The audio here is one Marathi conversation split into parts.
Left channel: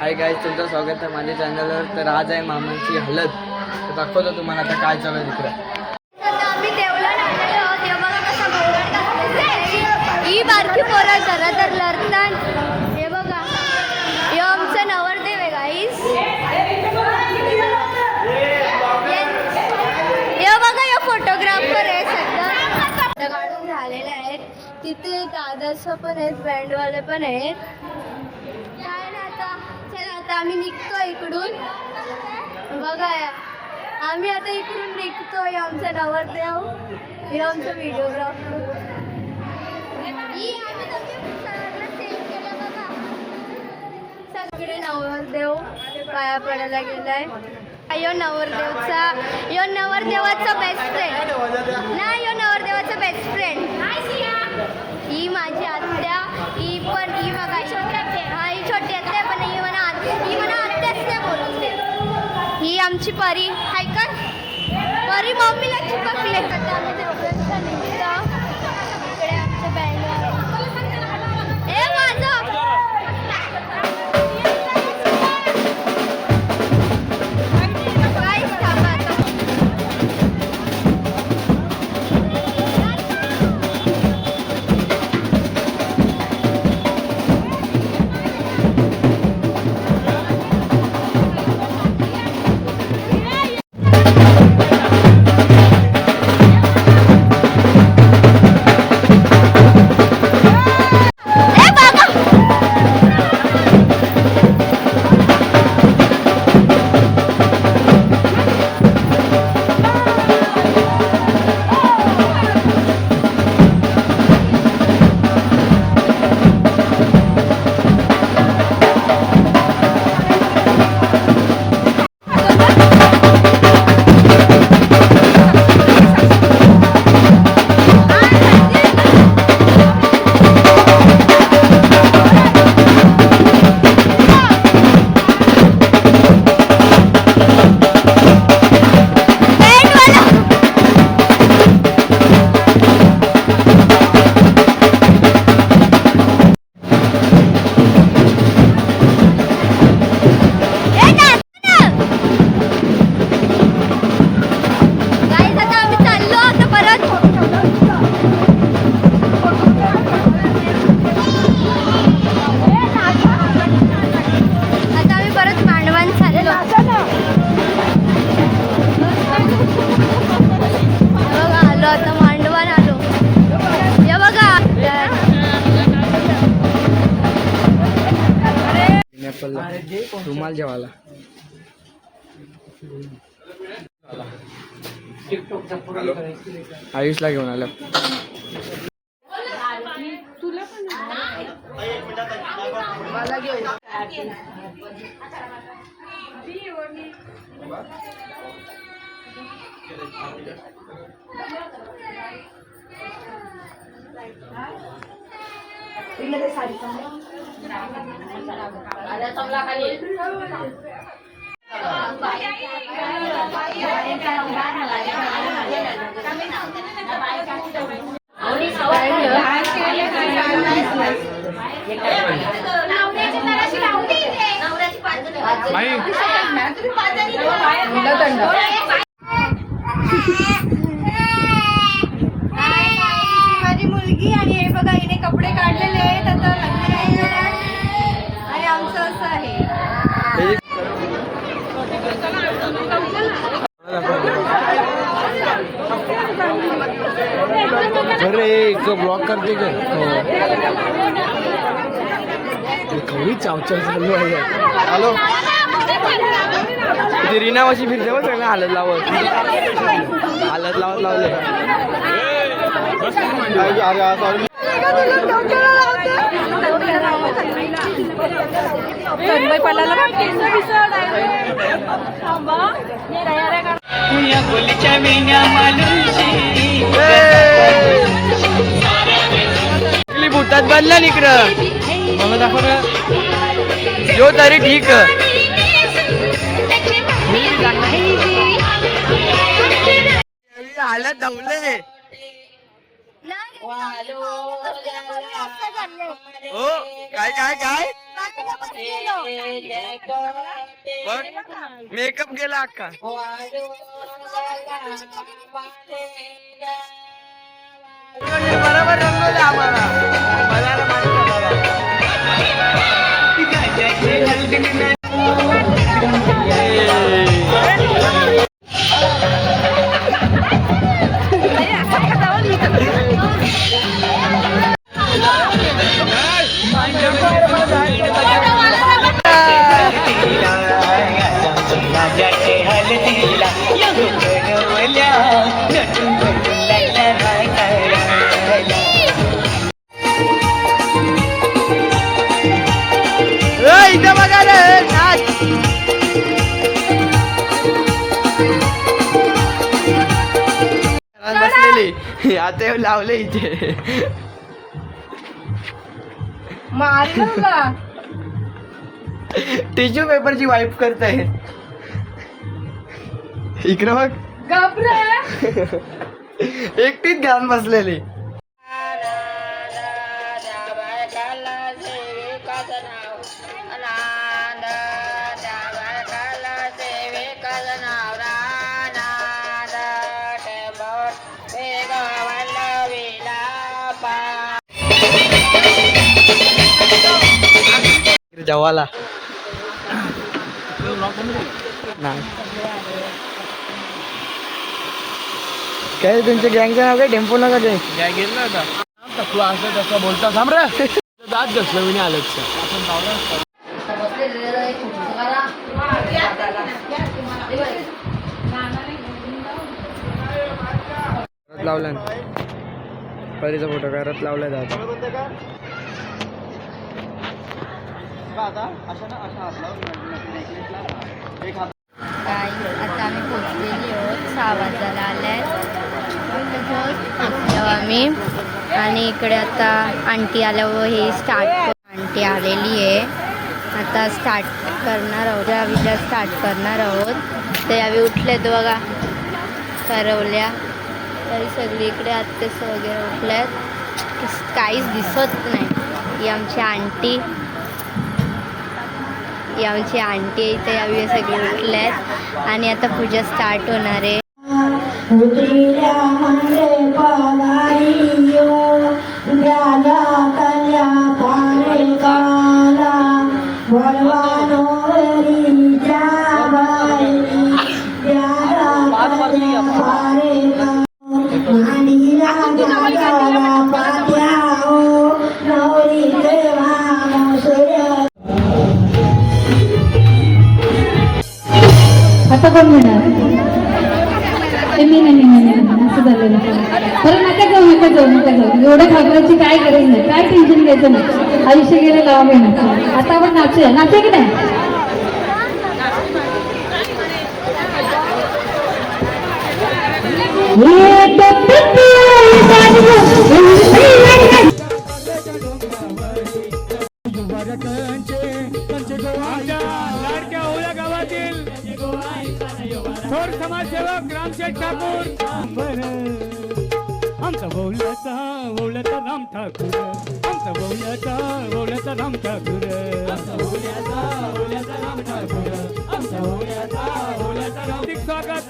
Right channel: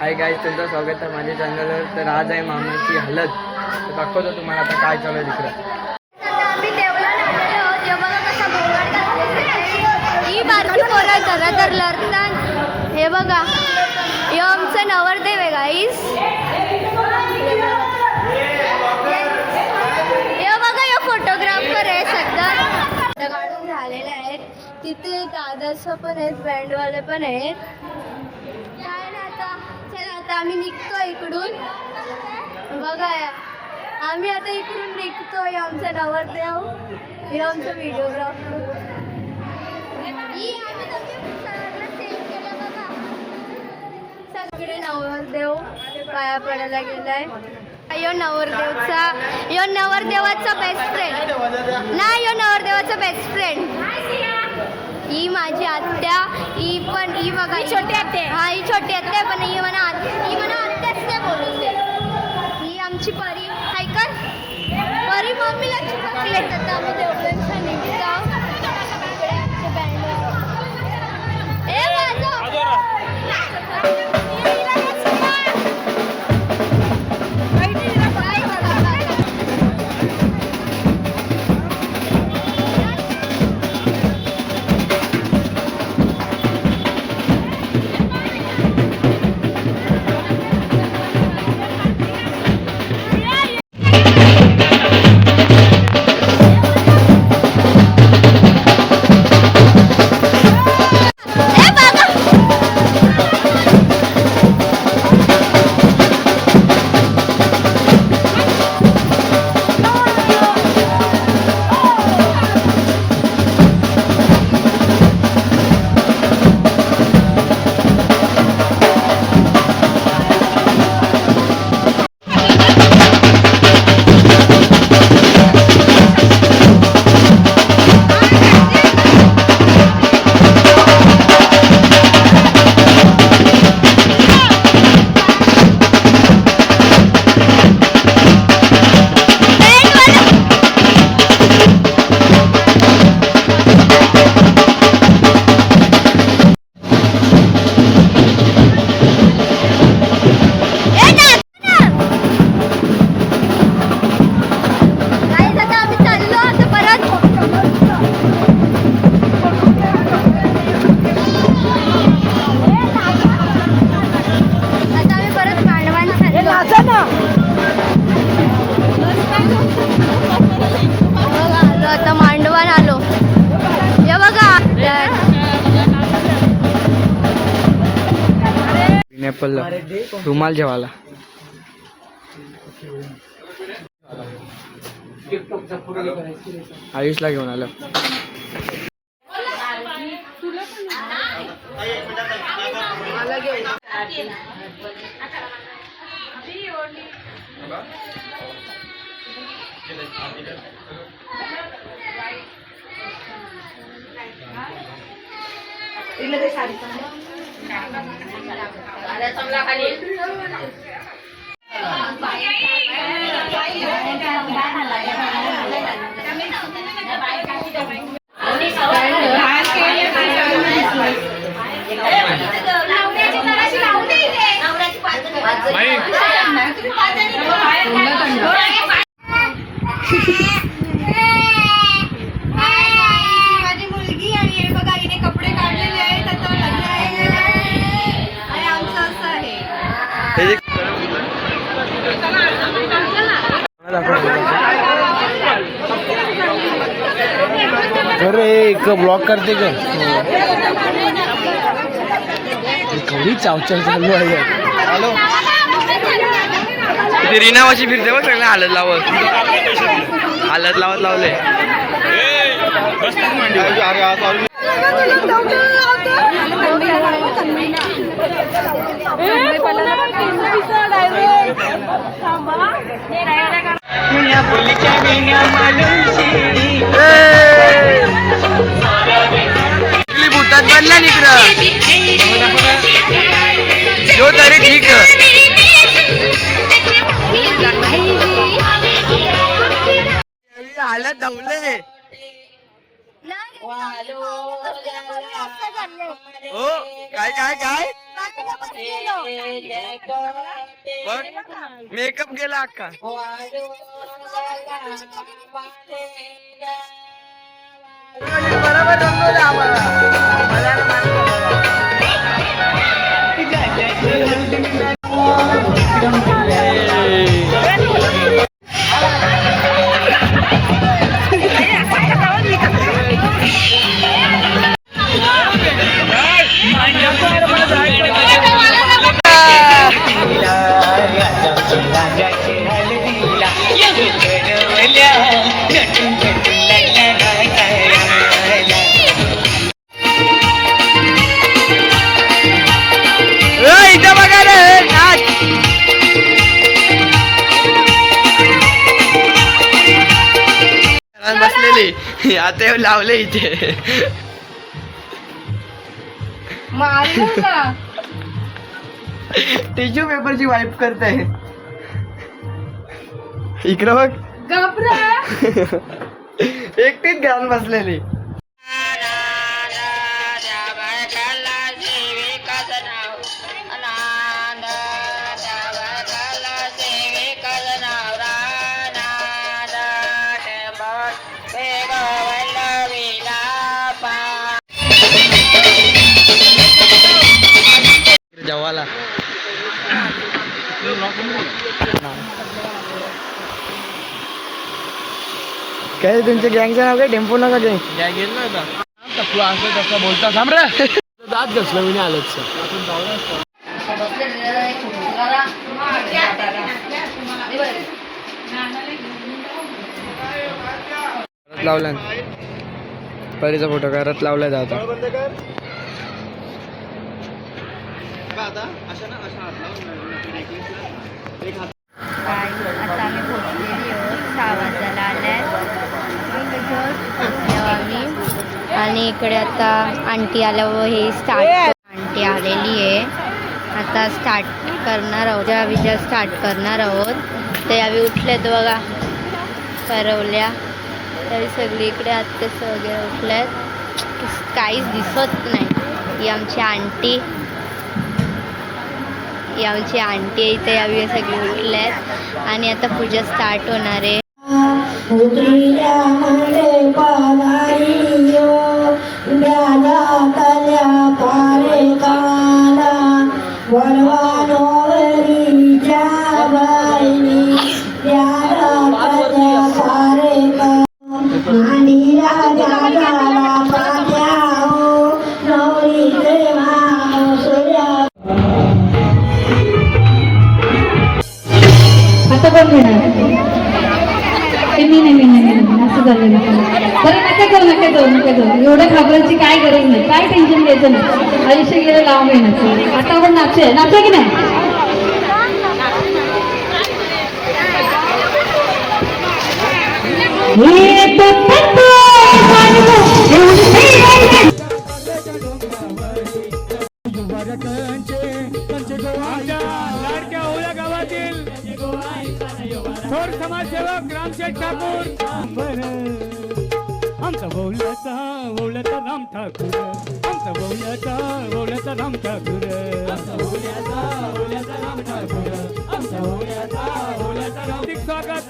हाय गाईज, तुमचं स्वागत आहे माझ्या चॅनलवर. तर आज आहे मामाची हळद. तर दाखवतो तुम्हाला आता काय चालू आहे तिकडं. आम्ही देवला बघा कसा ही बारकी पोरं जरा तर लढतात. हे बघा, हे आमचं नवरदेव आहे गाईस. हे बघा, हे फोटोग्राफर आहे सध्या काढून झालेले आहेत. तिथे दादाचं पण आहेत, बँडवाले पण आहेत. काय ना आता, चला आता आम्ही निघतो इकडून. बघा, आम्ही आता इकडून निघतोय. आमचा नवरदेव, हे आमचं व्हिडिओग्राफर. सगळे नवरदेव पाया पडायला गेलाय. यो नवरदेवाचा बेस्ट फ्रेंड नाही, यो नवरदेवाचा बेस्ट फ्रेंड. ही माझी आत्या, ही बघा छोटी आत्या. हा, ही छोटी आत्या, पण ही म्हणा आत्याच नाही बोलून दे. ही आमची परी हाय कर. परी मम्मीला चिपकले. आता आम्ही देवळांचा निघतो. इकडे आमचे बँड रुमाल जेवायला. आयुषला घेऊन आलं. माझी मुलगी आणि हे बघा, हिने कपडे काढलेले आहेत. आता लग्न आहे आणि आमचं असं आहे. अरे एक ब्लॉक करते का? थोडी चावचाव चालू आहे. ते रीनावाशी फिरते बघ, सगळं हालत लावत लावले. बुटात बनला निकडं जो तरी ठीक. हालत धावले. हो काय काय काय मेकअप गेला अक्का. बरोबर रंगवलं आम्हाला. मला ना माझं इथं बघा रे नाच. बसलेली आता येऊ लावले इथे. टिश्यू पेपरची वाईप करताय. इकडं बघ एकटीच घालून बसलेली. जवाला काय तुमच्या गँगचं नाव काय? टेम्पो नका गँग काय घेतलं होता तू असं तसं बोलता. थांब रे दात घसलं मी आलंच. लावला परीचा फोटो करत लावला जातो. काय आता आम्ही पोचलेली आहोत. 6 वाजायला आल्यात पोचलो आम्ही. आणि इकडे आता आंटी आल्यावर हे आंटी आलेली आहे. आता स्टार्ट करणार आहोत. विजा स्टार्ट करणार आहोत. ते आम्ही उठलेत बघा करवल्या तरी सगळी इकडे आत्तेस वगैरे उठल्यात. काहीच दिसत नाही. ही आमची आंटी इथे यावी सगळी उठल्यात. आणि आता पूजा स्टार्ट होणार आहे. आता कोण घेणार? नाही असं झालेलं. बरं नका जाऊ. एवढं घाबरायची काय गरज नाही. काय टेन्शन घ्यायचं नाही. आयुष्य गेलं लावून घेणार. आता आपण नाचूया की नाही? लाडक्या ओल्या गावातील थोर समाजसेवक रामशेठ ठाकूर. आमचा ओवल्याचा राम ठाकूर. आमचा ओवल्याचा राम ठाकूर. हार्दिक स्वागत.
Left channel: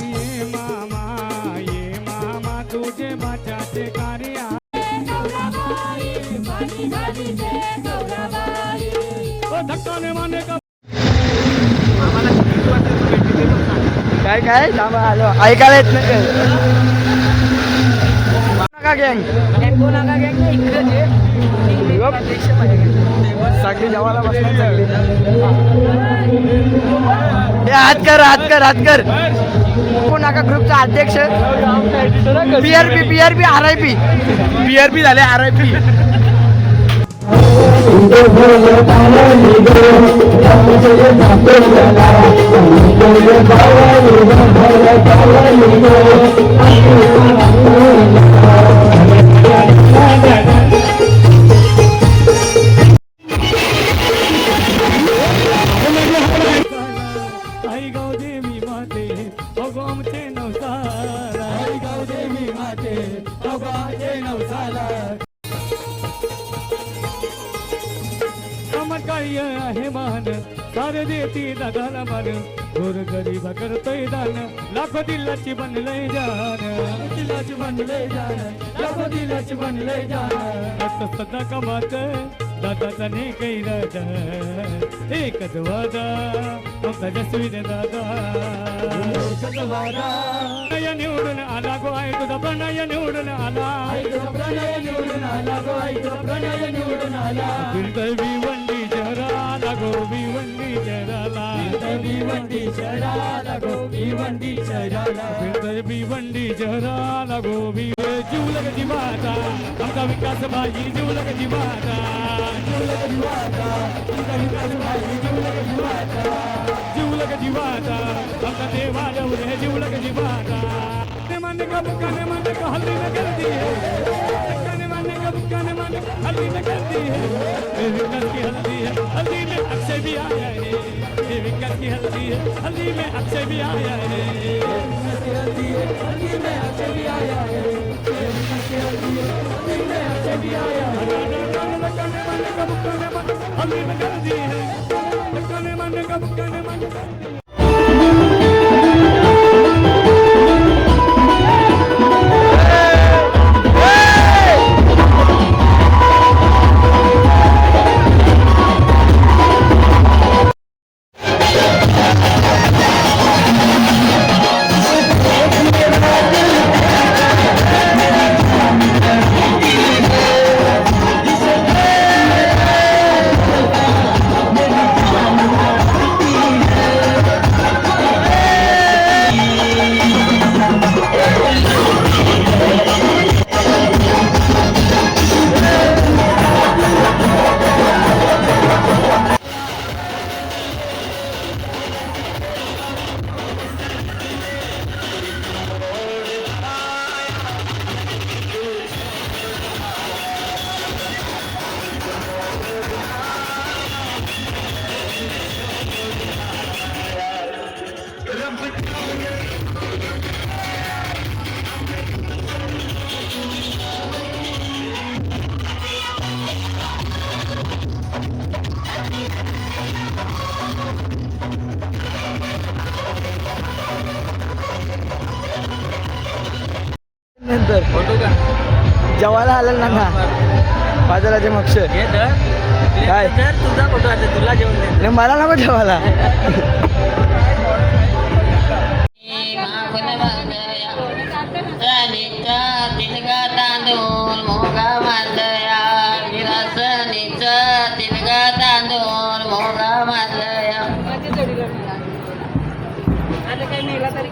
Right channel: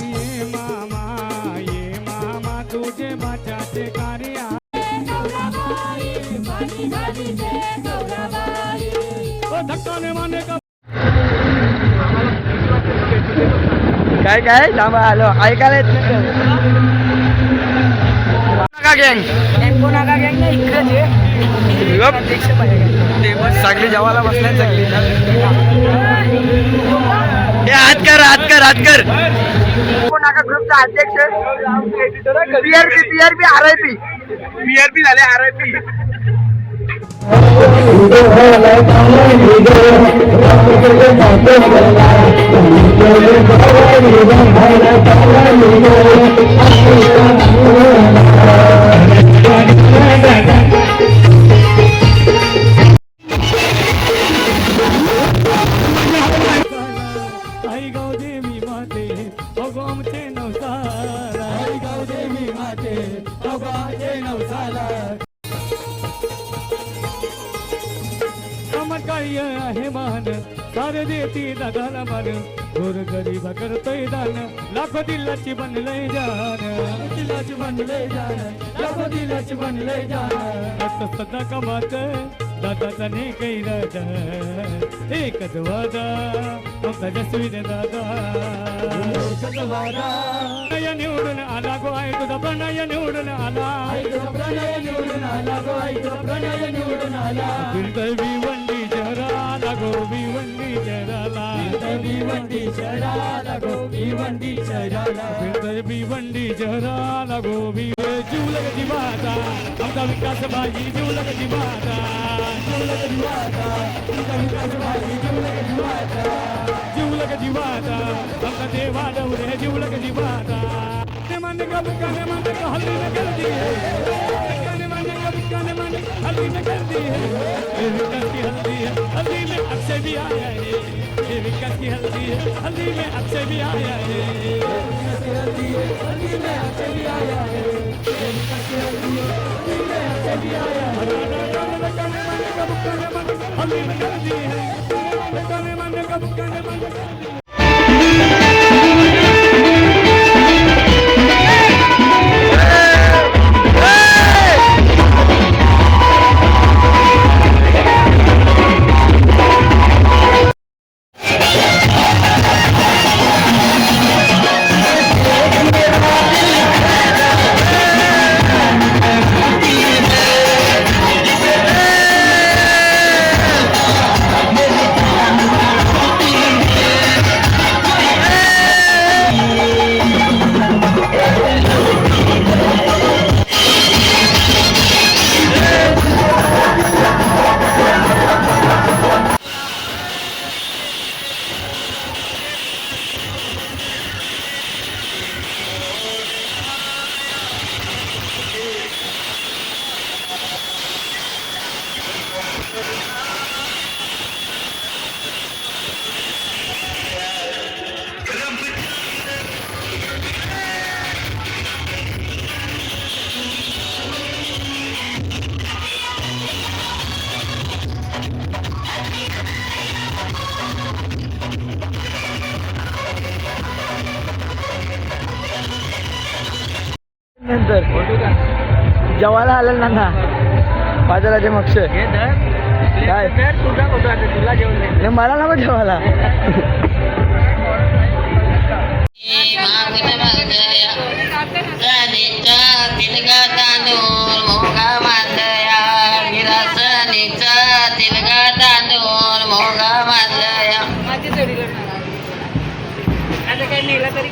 ये मामा तुझे माझ्याचे कार्य. काय काय थांबा आलो ऐकायला येत गँग. सगळी जेवायला बसल्या सगळी. हात कर नाका ग्रुपचा अध्यक्ष PRP RIP झाले RIP. आई गाव देवी माते अगो आमचे नवसार. आई मन काही आहे मान सारे देती दादाला मान गोर गरीब करतोय दान लाखो दिलाची बनलय जान दिलाची बनलय जान लाखो दिलाची बनलय जान आता सदा कमात दादाचा ने काही राजा एकच वादा आमचा जसवीर दादा प्रणय निवडून आला गो आई तुझा प्रणय निवडून आला प्रणय निवडून आला गो आई तुझा प्रणय निवडून आला भिवंडी शहराला गो भिवंडी शहराला भिवंडी शहराला गो भिवंडी शहराला भिवंडी शहराला गो जीवलग जीवाचा आमचा विकास भाजी जीवलग जीवाचा जीवलग जीवाचा आमचा विकास भाजी जीवलग जीवाचा जीवलग जीवाचा आमचा देवा डवरे जीवलग जीवाचा मन का बुक्का ने मन का हल्दी न कर दी है मन का बुक्का ने मन हल्दी न कर दी है विकास की हल्दी है हल्दी में अक्षय भी आया है ये विकास की हल्दी है हल्दी में अक्षय भी आया है विकास की हल्दी है हल्दी में अक्षय भी आया है ये विकास की हल्दी है हल्दी में अक्षय भी आया है मन का बुक्का ने मन हल्दी न कर दी है मन का बुक्का ने मन नंतर जेवायला आलं ना बाजाराचे मक्ष काय तुझा फोटो आता तुला जेवण नाही, मला नको जेवायला तिलगा तांदूळ मोगा मांडया विरासनीचा तिलगा तांदूळ मोगा मांडया माझ्या जोडीला आता काय नेला तरी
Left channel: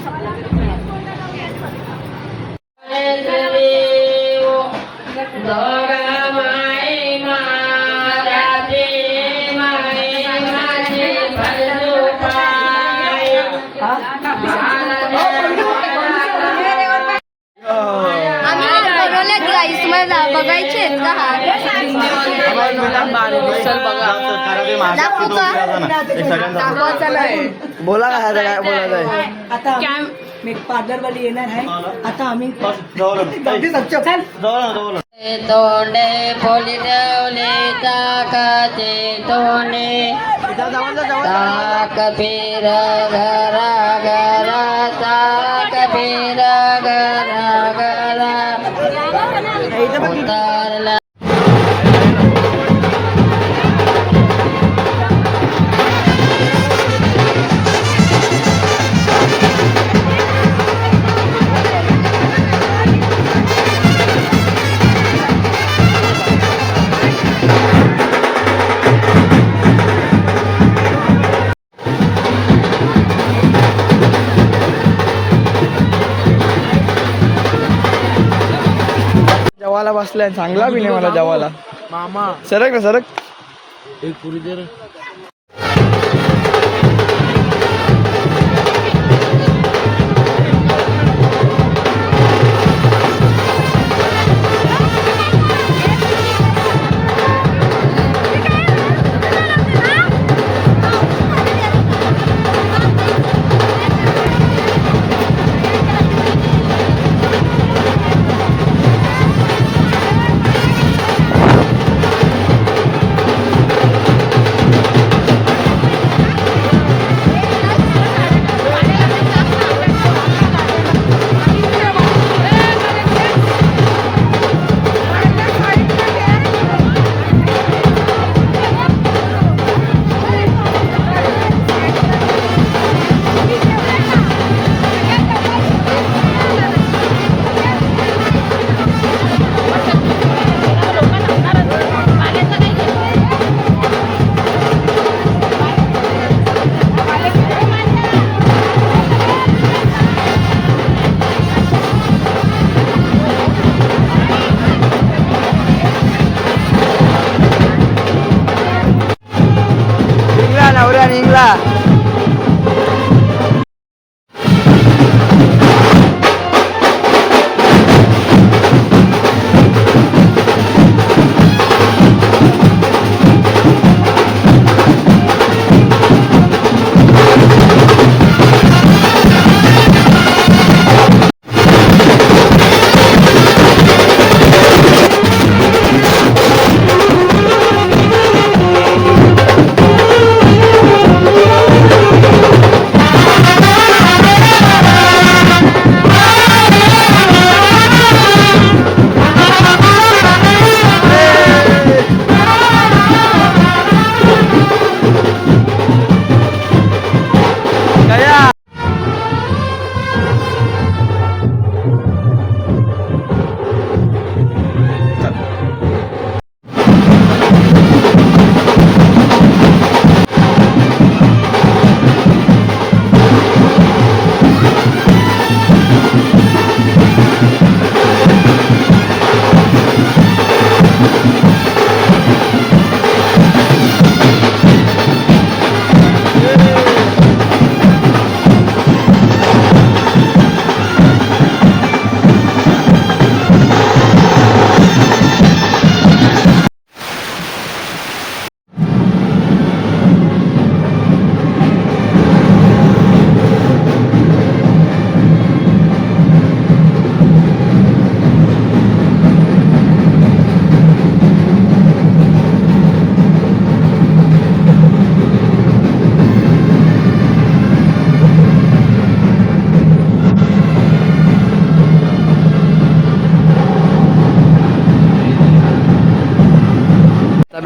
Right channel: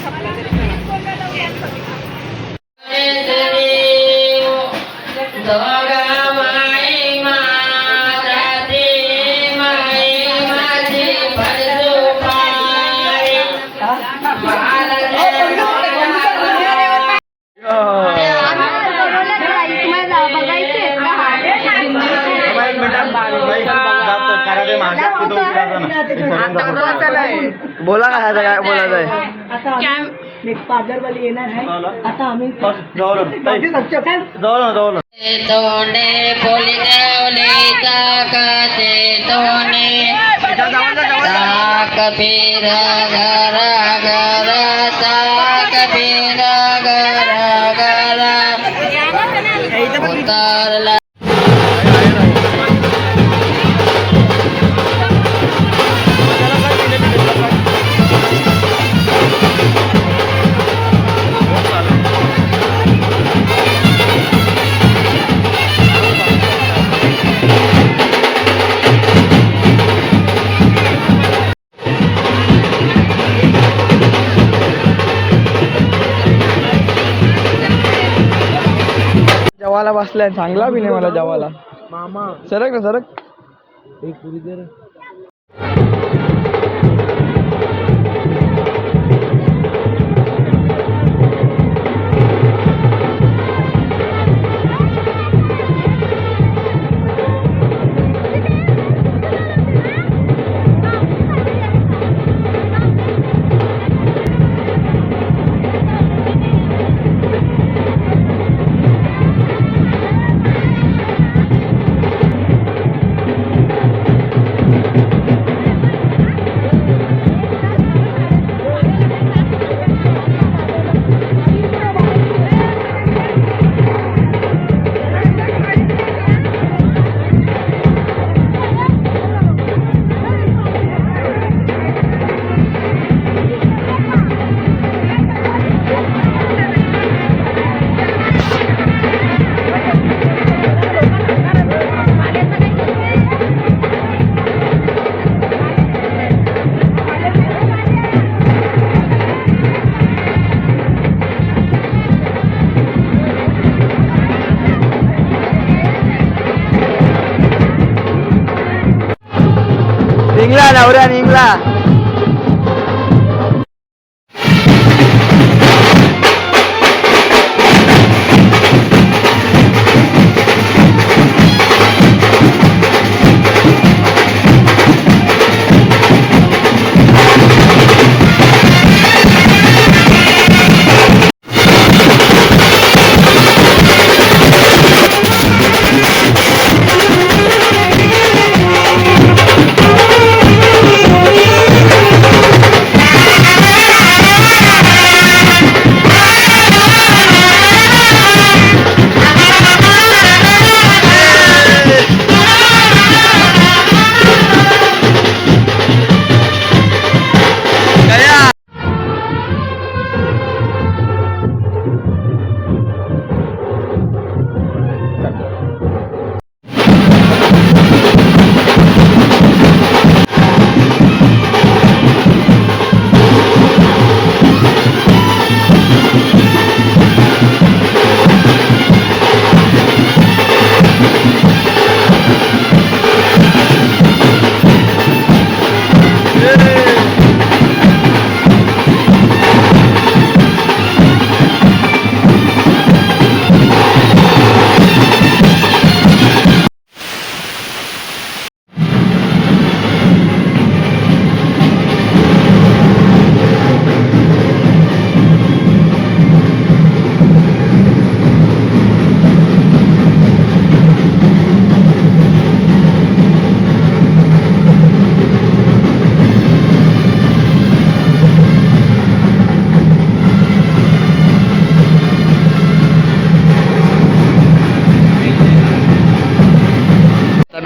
बघायचे बोला काय आता काय बोलायचं आहे आता आम्ही पार्लरवाली येणार आहे आता आम्ही तोंडे बोली देवले ताकाचे तोंडे ताक पीर घरा घरा ताक पीर घरा घरा उतारला जेवायला बसलाय चांगला बी नाही मला जेवायला सरक ना सरक नवरा निघला.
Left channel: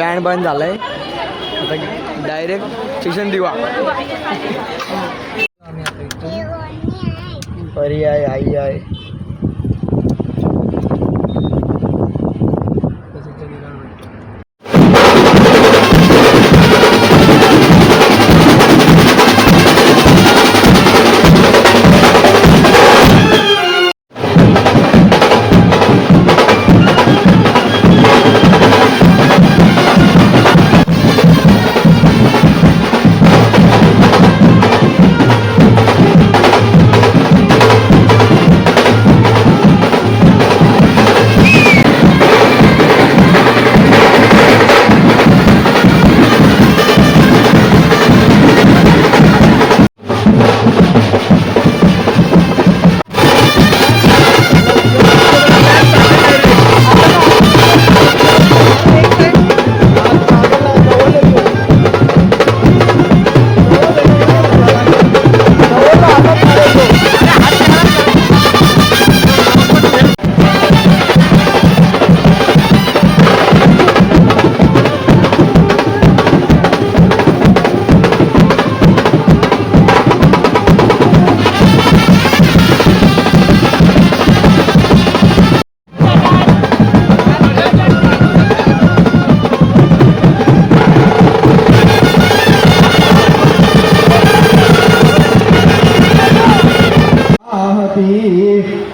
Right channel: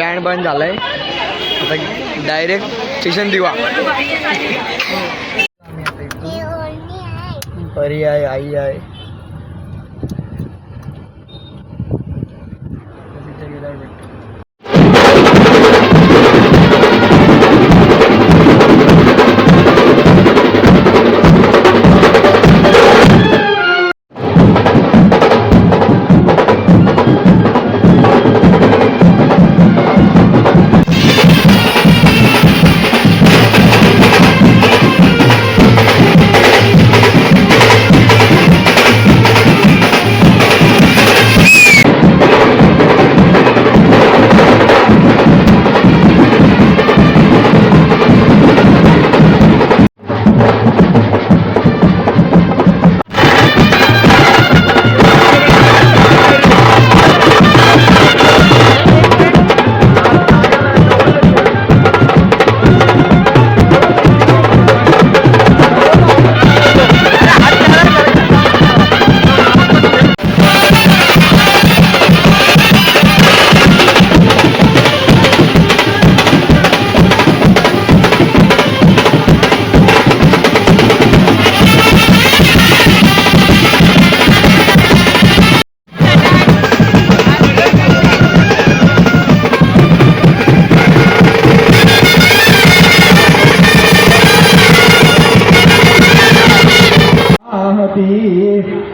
बँड बंद झालाय आता डायरेक्ट स्टेशन दिवा. परी आहे, आई आहे.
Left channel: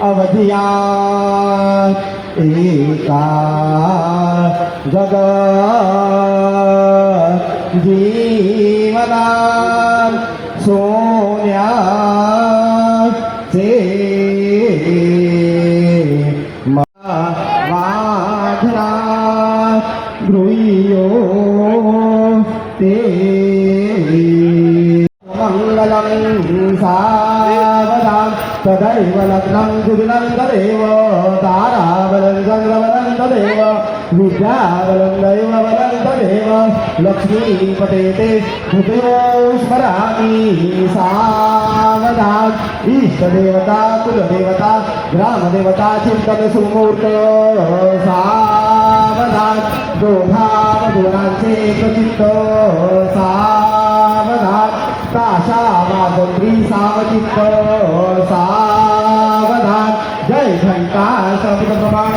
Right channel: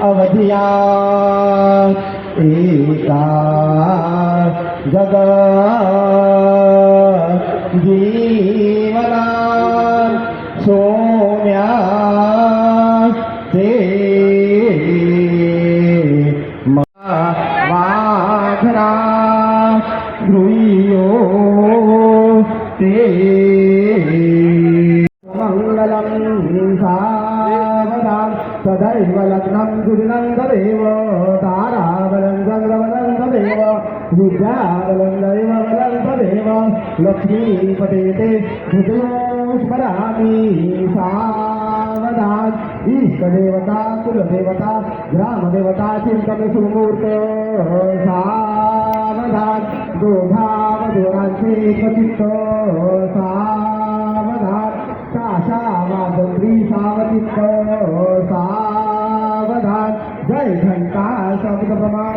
अवधिया एका जग जीवना सोन्या वाघरा गृह्यो ते तदैव लग्नं सुदिनं तदेव ताराबलं चन्द्रबलं तदेव विद्याबलं दैवबलं तदेव लक्ष्मीपते ते हृदयो स्मरामि सावधान इष्टदेवता कुलदेवता ग्रामदेवता चिन्तन सुमूर्त सावधान दोधावधूनांचे प्रचित्त सावधान ताशा वागोत्री सावचित्त सावधान जय घंटा शब्द प्रमाण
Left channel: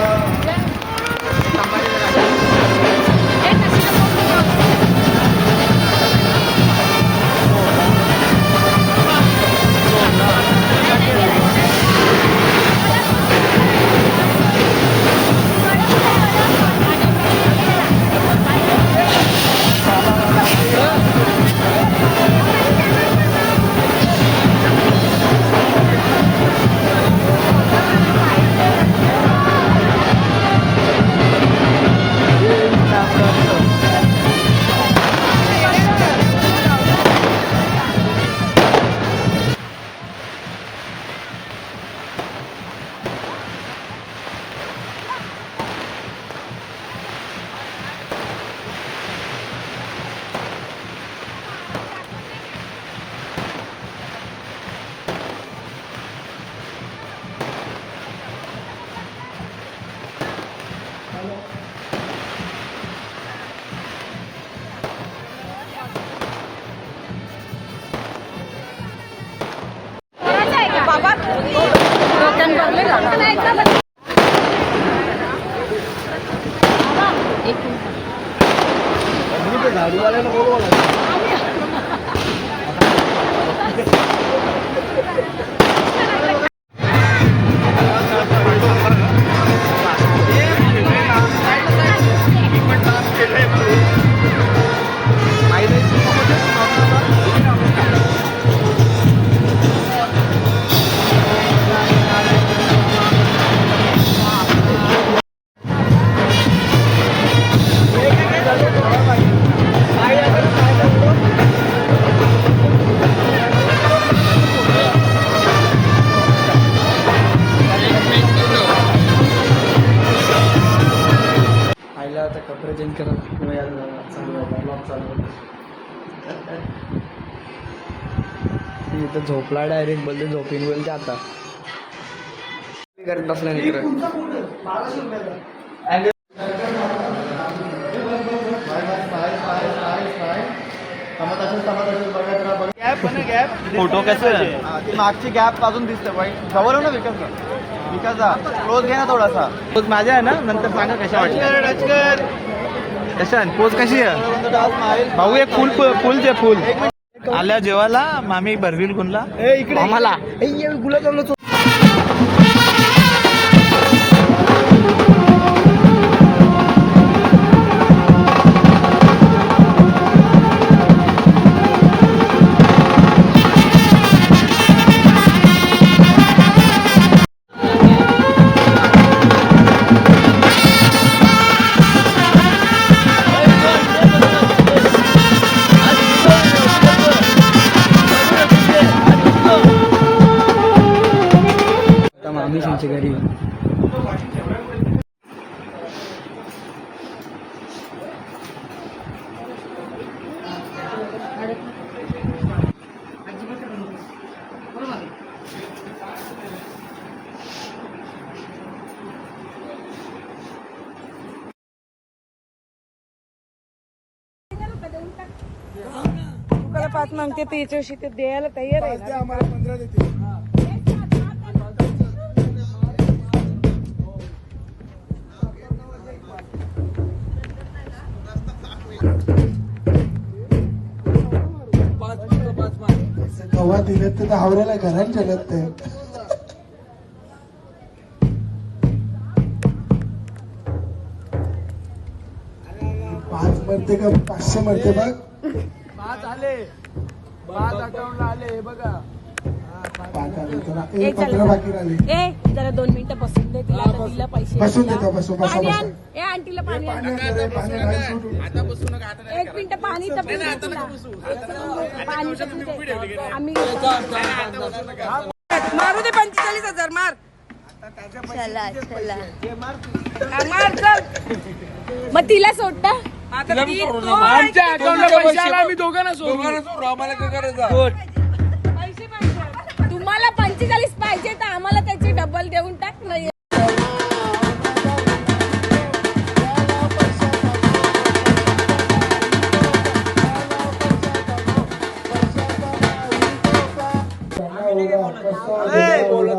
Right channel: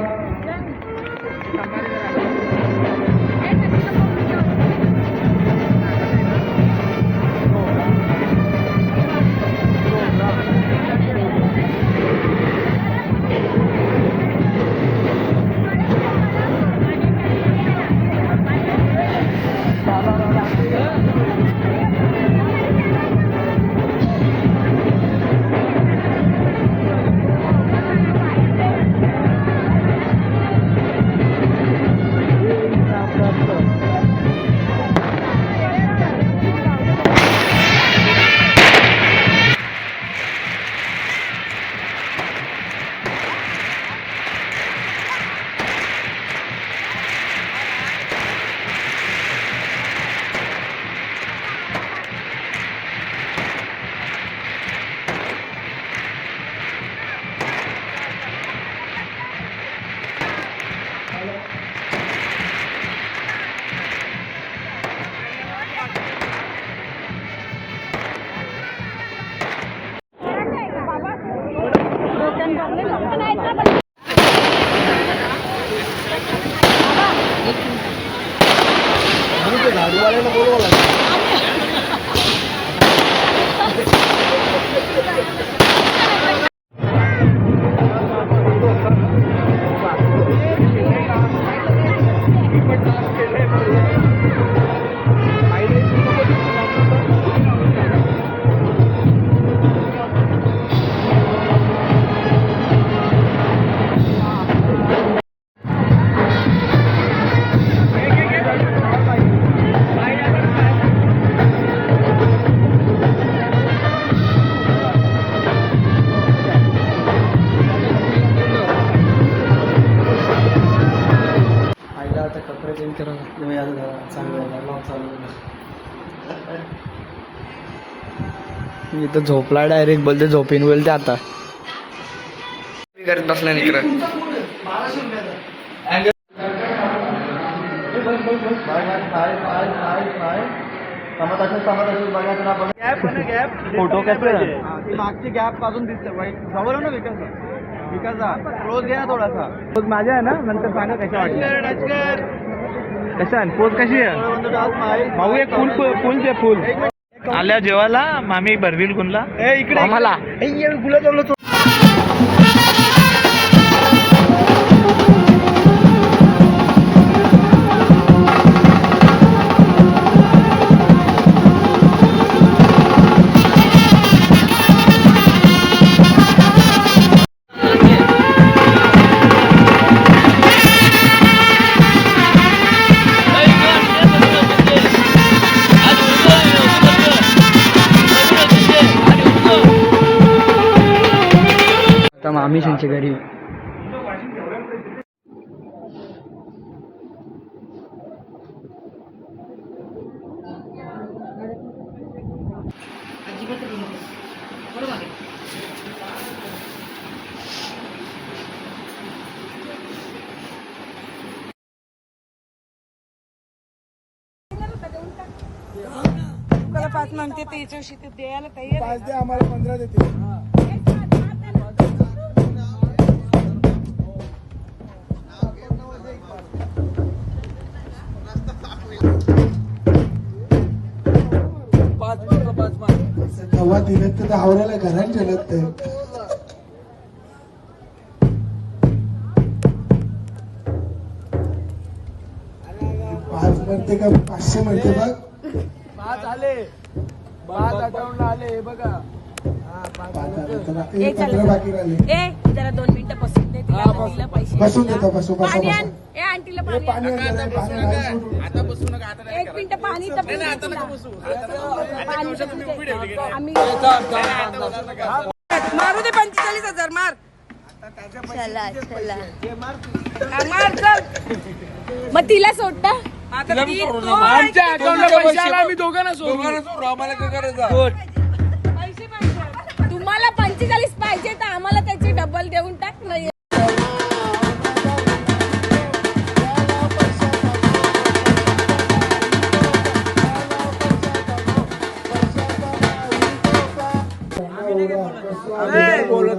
झाडूवाल्याला बोलवा. आईला आता कपडे चेंज करायला मी तर झोपला डायरेक्ट बोलते झोपीन बोलते आता करत बसला निकर फोटो कसं मागची गॅप अजून दिसतं वाईट जवळ ना क्लोज घ्या ना थोडासा पोज माझ्या आहे ना नंतर सांगा कशा वाटल्या कशा पोज कशी आहे भाऊ एक फुल फुल ते फुल आल्या जेवायला मामी भरवील कुणला इकडे आम्हाला गुलाब आता मामी त्यांच्या घरी पाच म्हणते त्याच्याशी ते द्यायला तयार आहे आम्हाला 15 देते तेव्हा तिथे तर आवरायला घरात ठेवत पाच म्हणते का 500 म्हणते बघ 5 आले 5 अकाउंटला आले हे बघा 15 बाकी राहिले जरा 2 मिनिटं बसून दे बसून देतो बसू बसा बसा आंटीला पाणी आता बसू नका आता 1 मिनिट पाणीचं आम्ही मारू दे 45,000 मार चला चला मार चल मग तिला सोडता आता आमच्या अकाउंटला पैसे आला आम्ही दोघांना सोडू आम्हाला काय करायचं तुम्हाला 45 पाहिजे तर आम्हाला त्याची डबल देऊन टाक नाही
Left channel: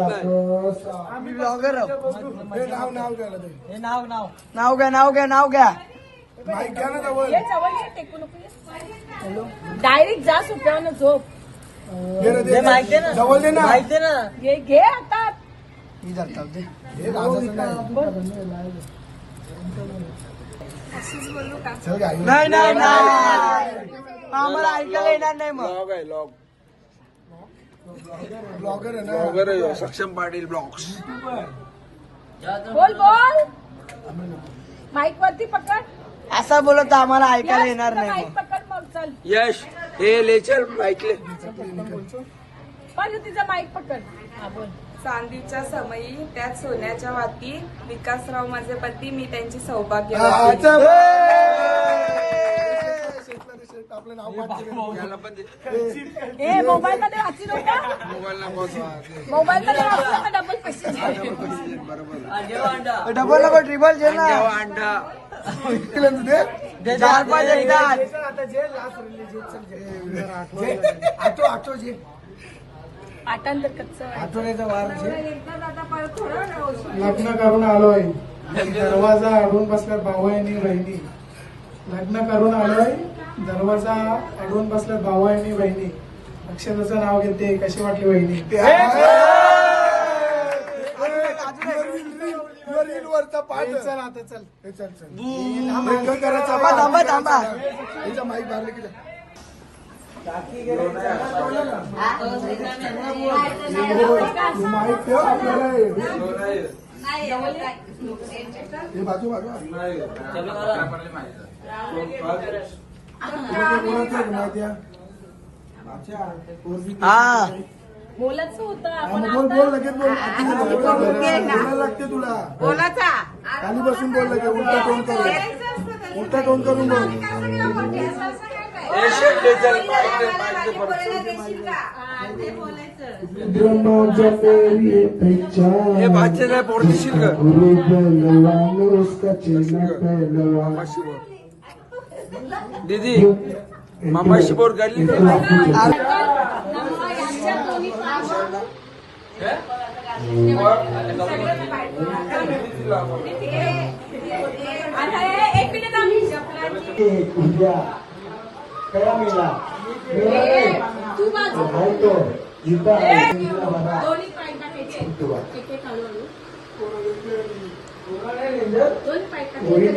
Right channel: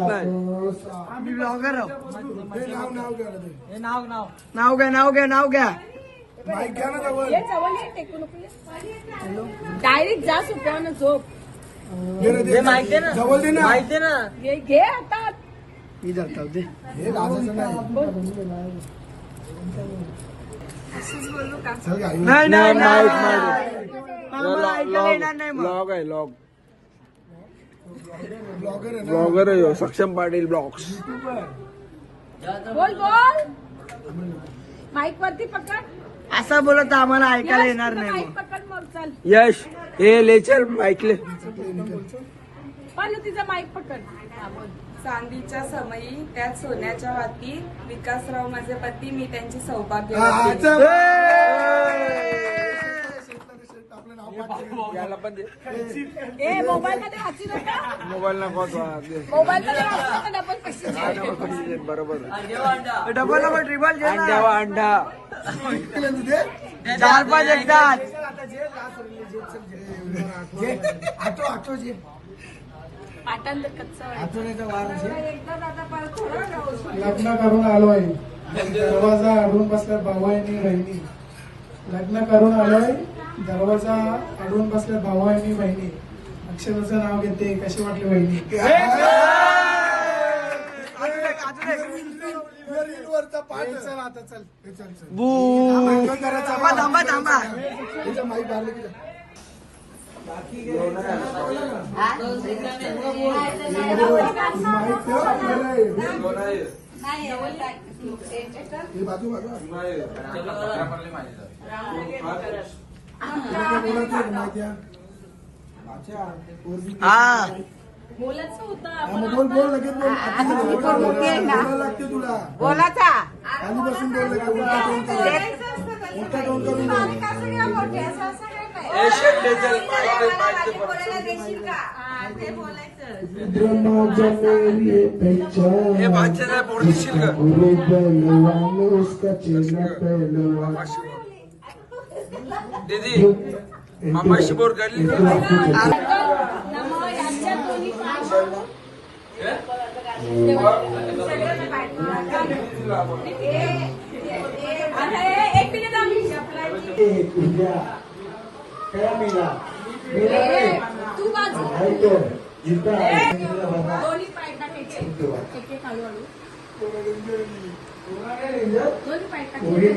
आम्ही ब्लॉगर नाव घ्या डायरेक्ट जा सुट्यावर झोप जवळ दे ना हे घे आता मी धरतो ते नाही नाही आम्हाला ऐकायला येणार नाही मग ब्लॉगर सक्षम पाटील ब्लॉग्स बोल बोल माईक वरती पकड असं बोलत आम्हाला ऐकायला येणार नाही माईक मग पकड मग चल यश हे लेक्चर ऐकले पण तिचा माईक पकड हा, बोल. चांदीच्या समयी त्यात सोन्याच्या वाती विकासराव माझे पती मी त्यांची सौभाग्य ए, मोबाईल मध्ये वाचू नका. मोबाईल नको मोबाईल मध्ये वाचू नका, डबल पैसे. बरोबर डबल डबल ट्रिपल जे अंडा 4-5 एकदाच पाटांतर कच्चं. लग्न करून आलोय दरवाजा आडून बसल्यात भाऊ आणि बहिणी लग्न करून आलोय दरवाजा अडवून बसल्या भाऊ आणि बहिणी. अक्षराचं नाव घेते. कशी वाटली बहिणी? चल आता चल. माईक ठेव आपल्याला. बाजू बाजू माहिती आहे. बोलायचं होतं बोल बोल लगेच बोल. बोलायला लागते तुला. खाली बसून बोल लगे. उलटा टोन करून. उलटा टोन करून बोल. ब्रह्मा मेरी पहचान जिसका गुरु पहलवान उसका चेला पहलवान. मामाशी बोल गली. क्या मिला? भाई तो जीता कोणी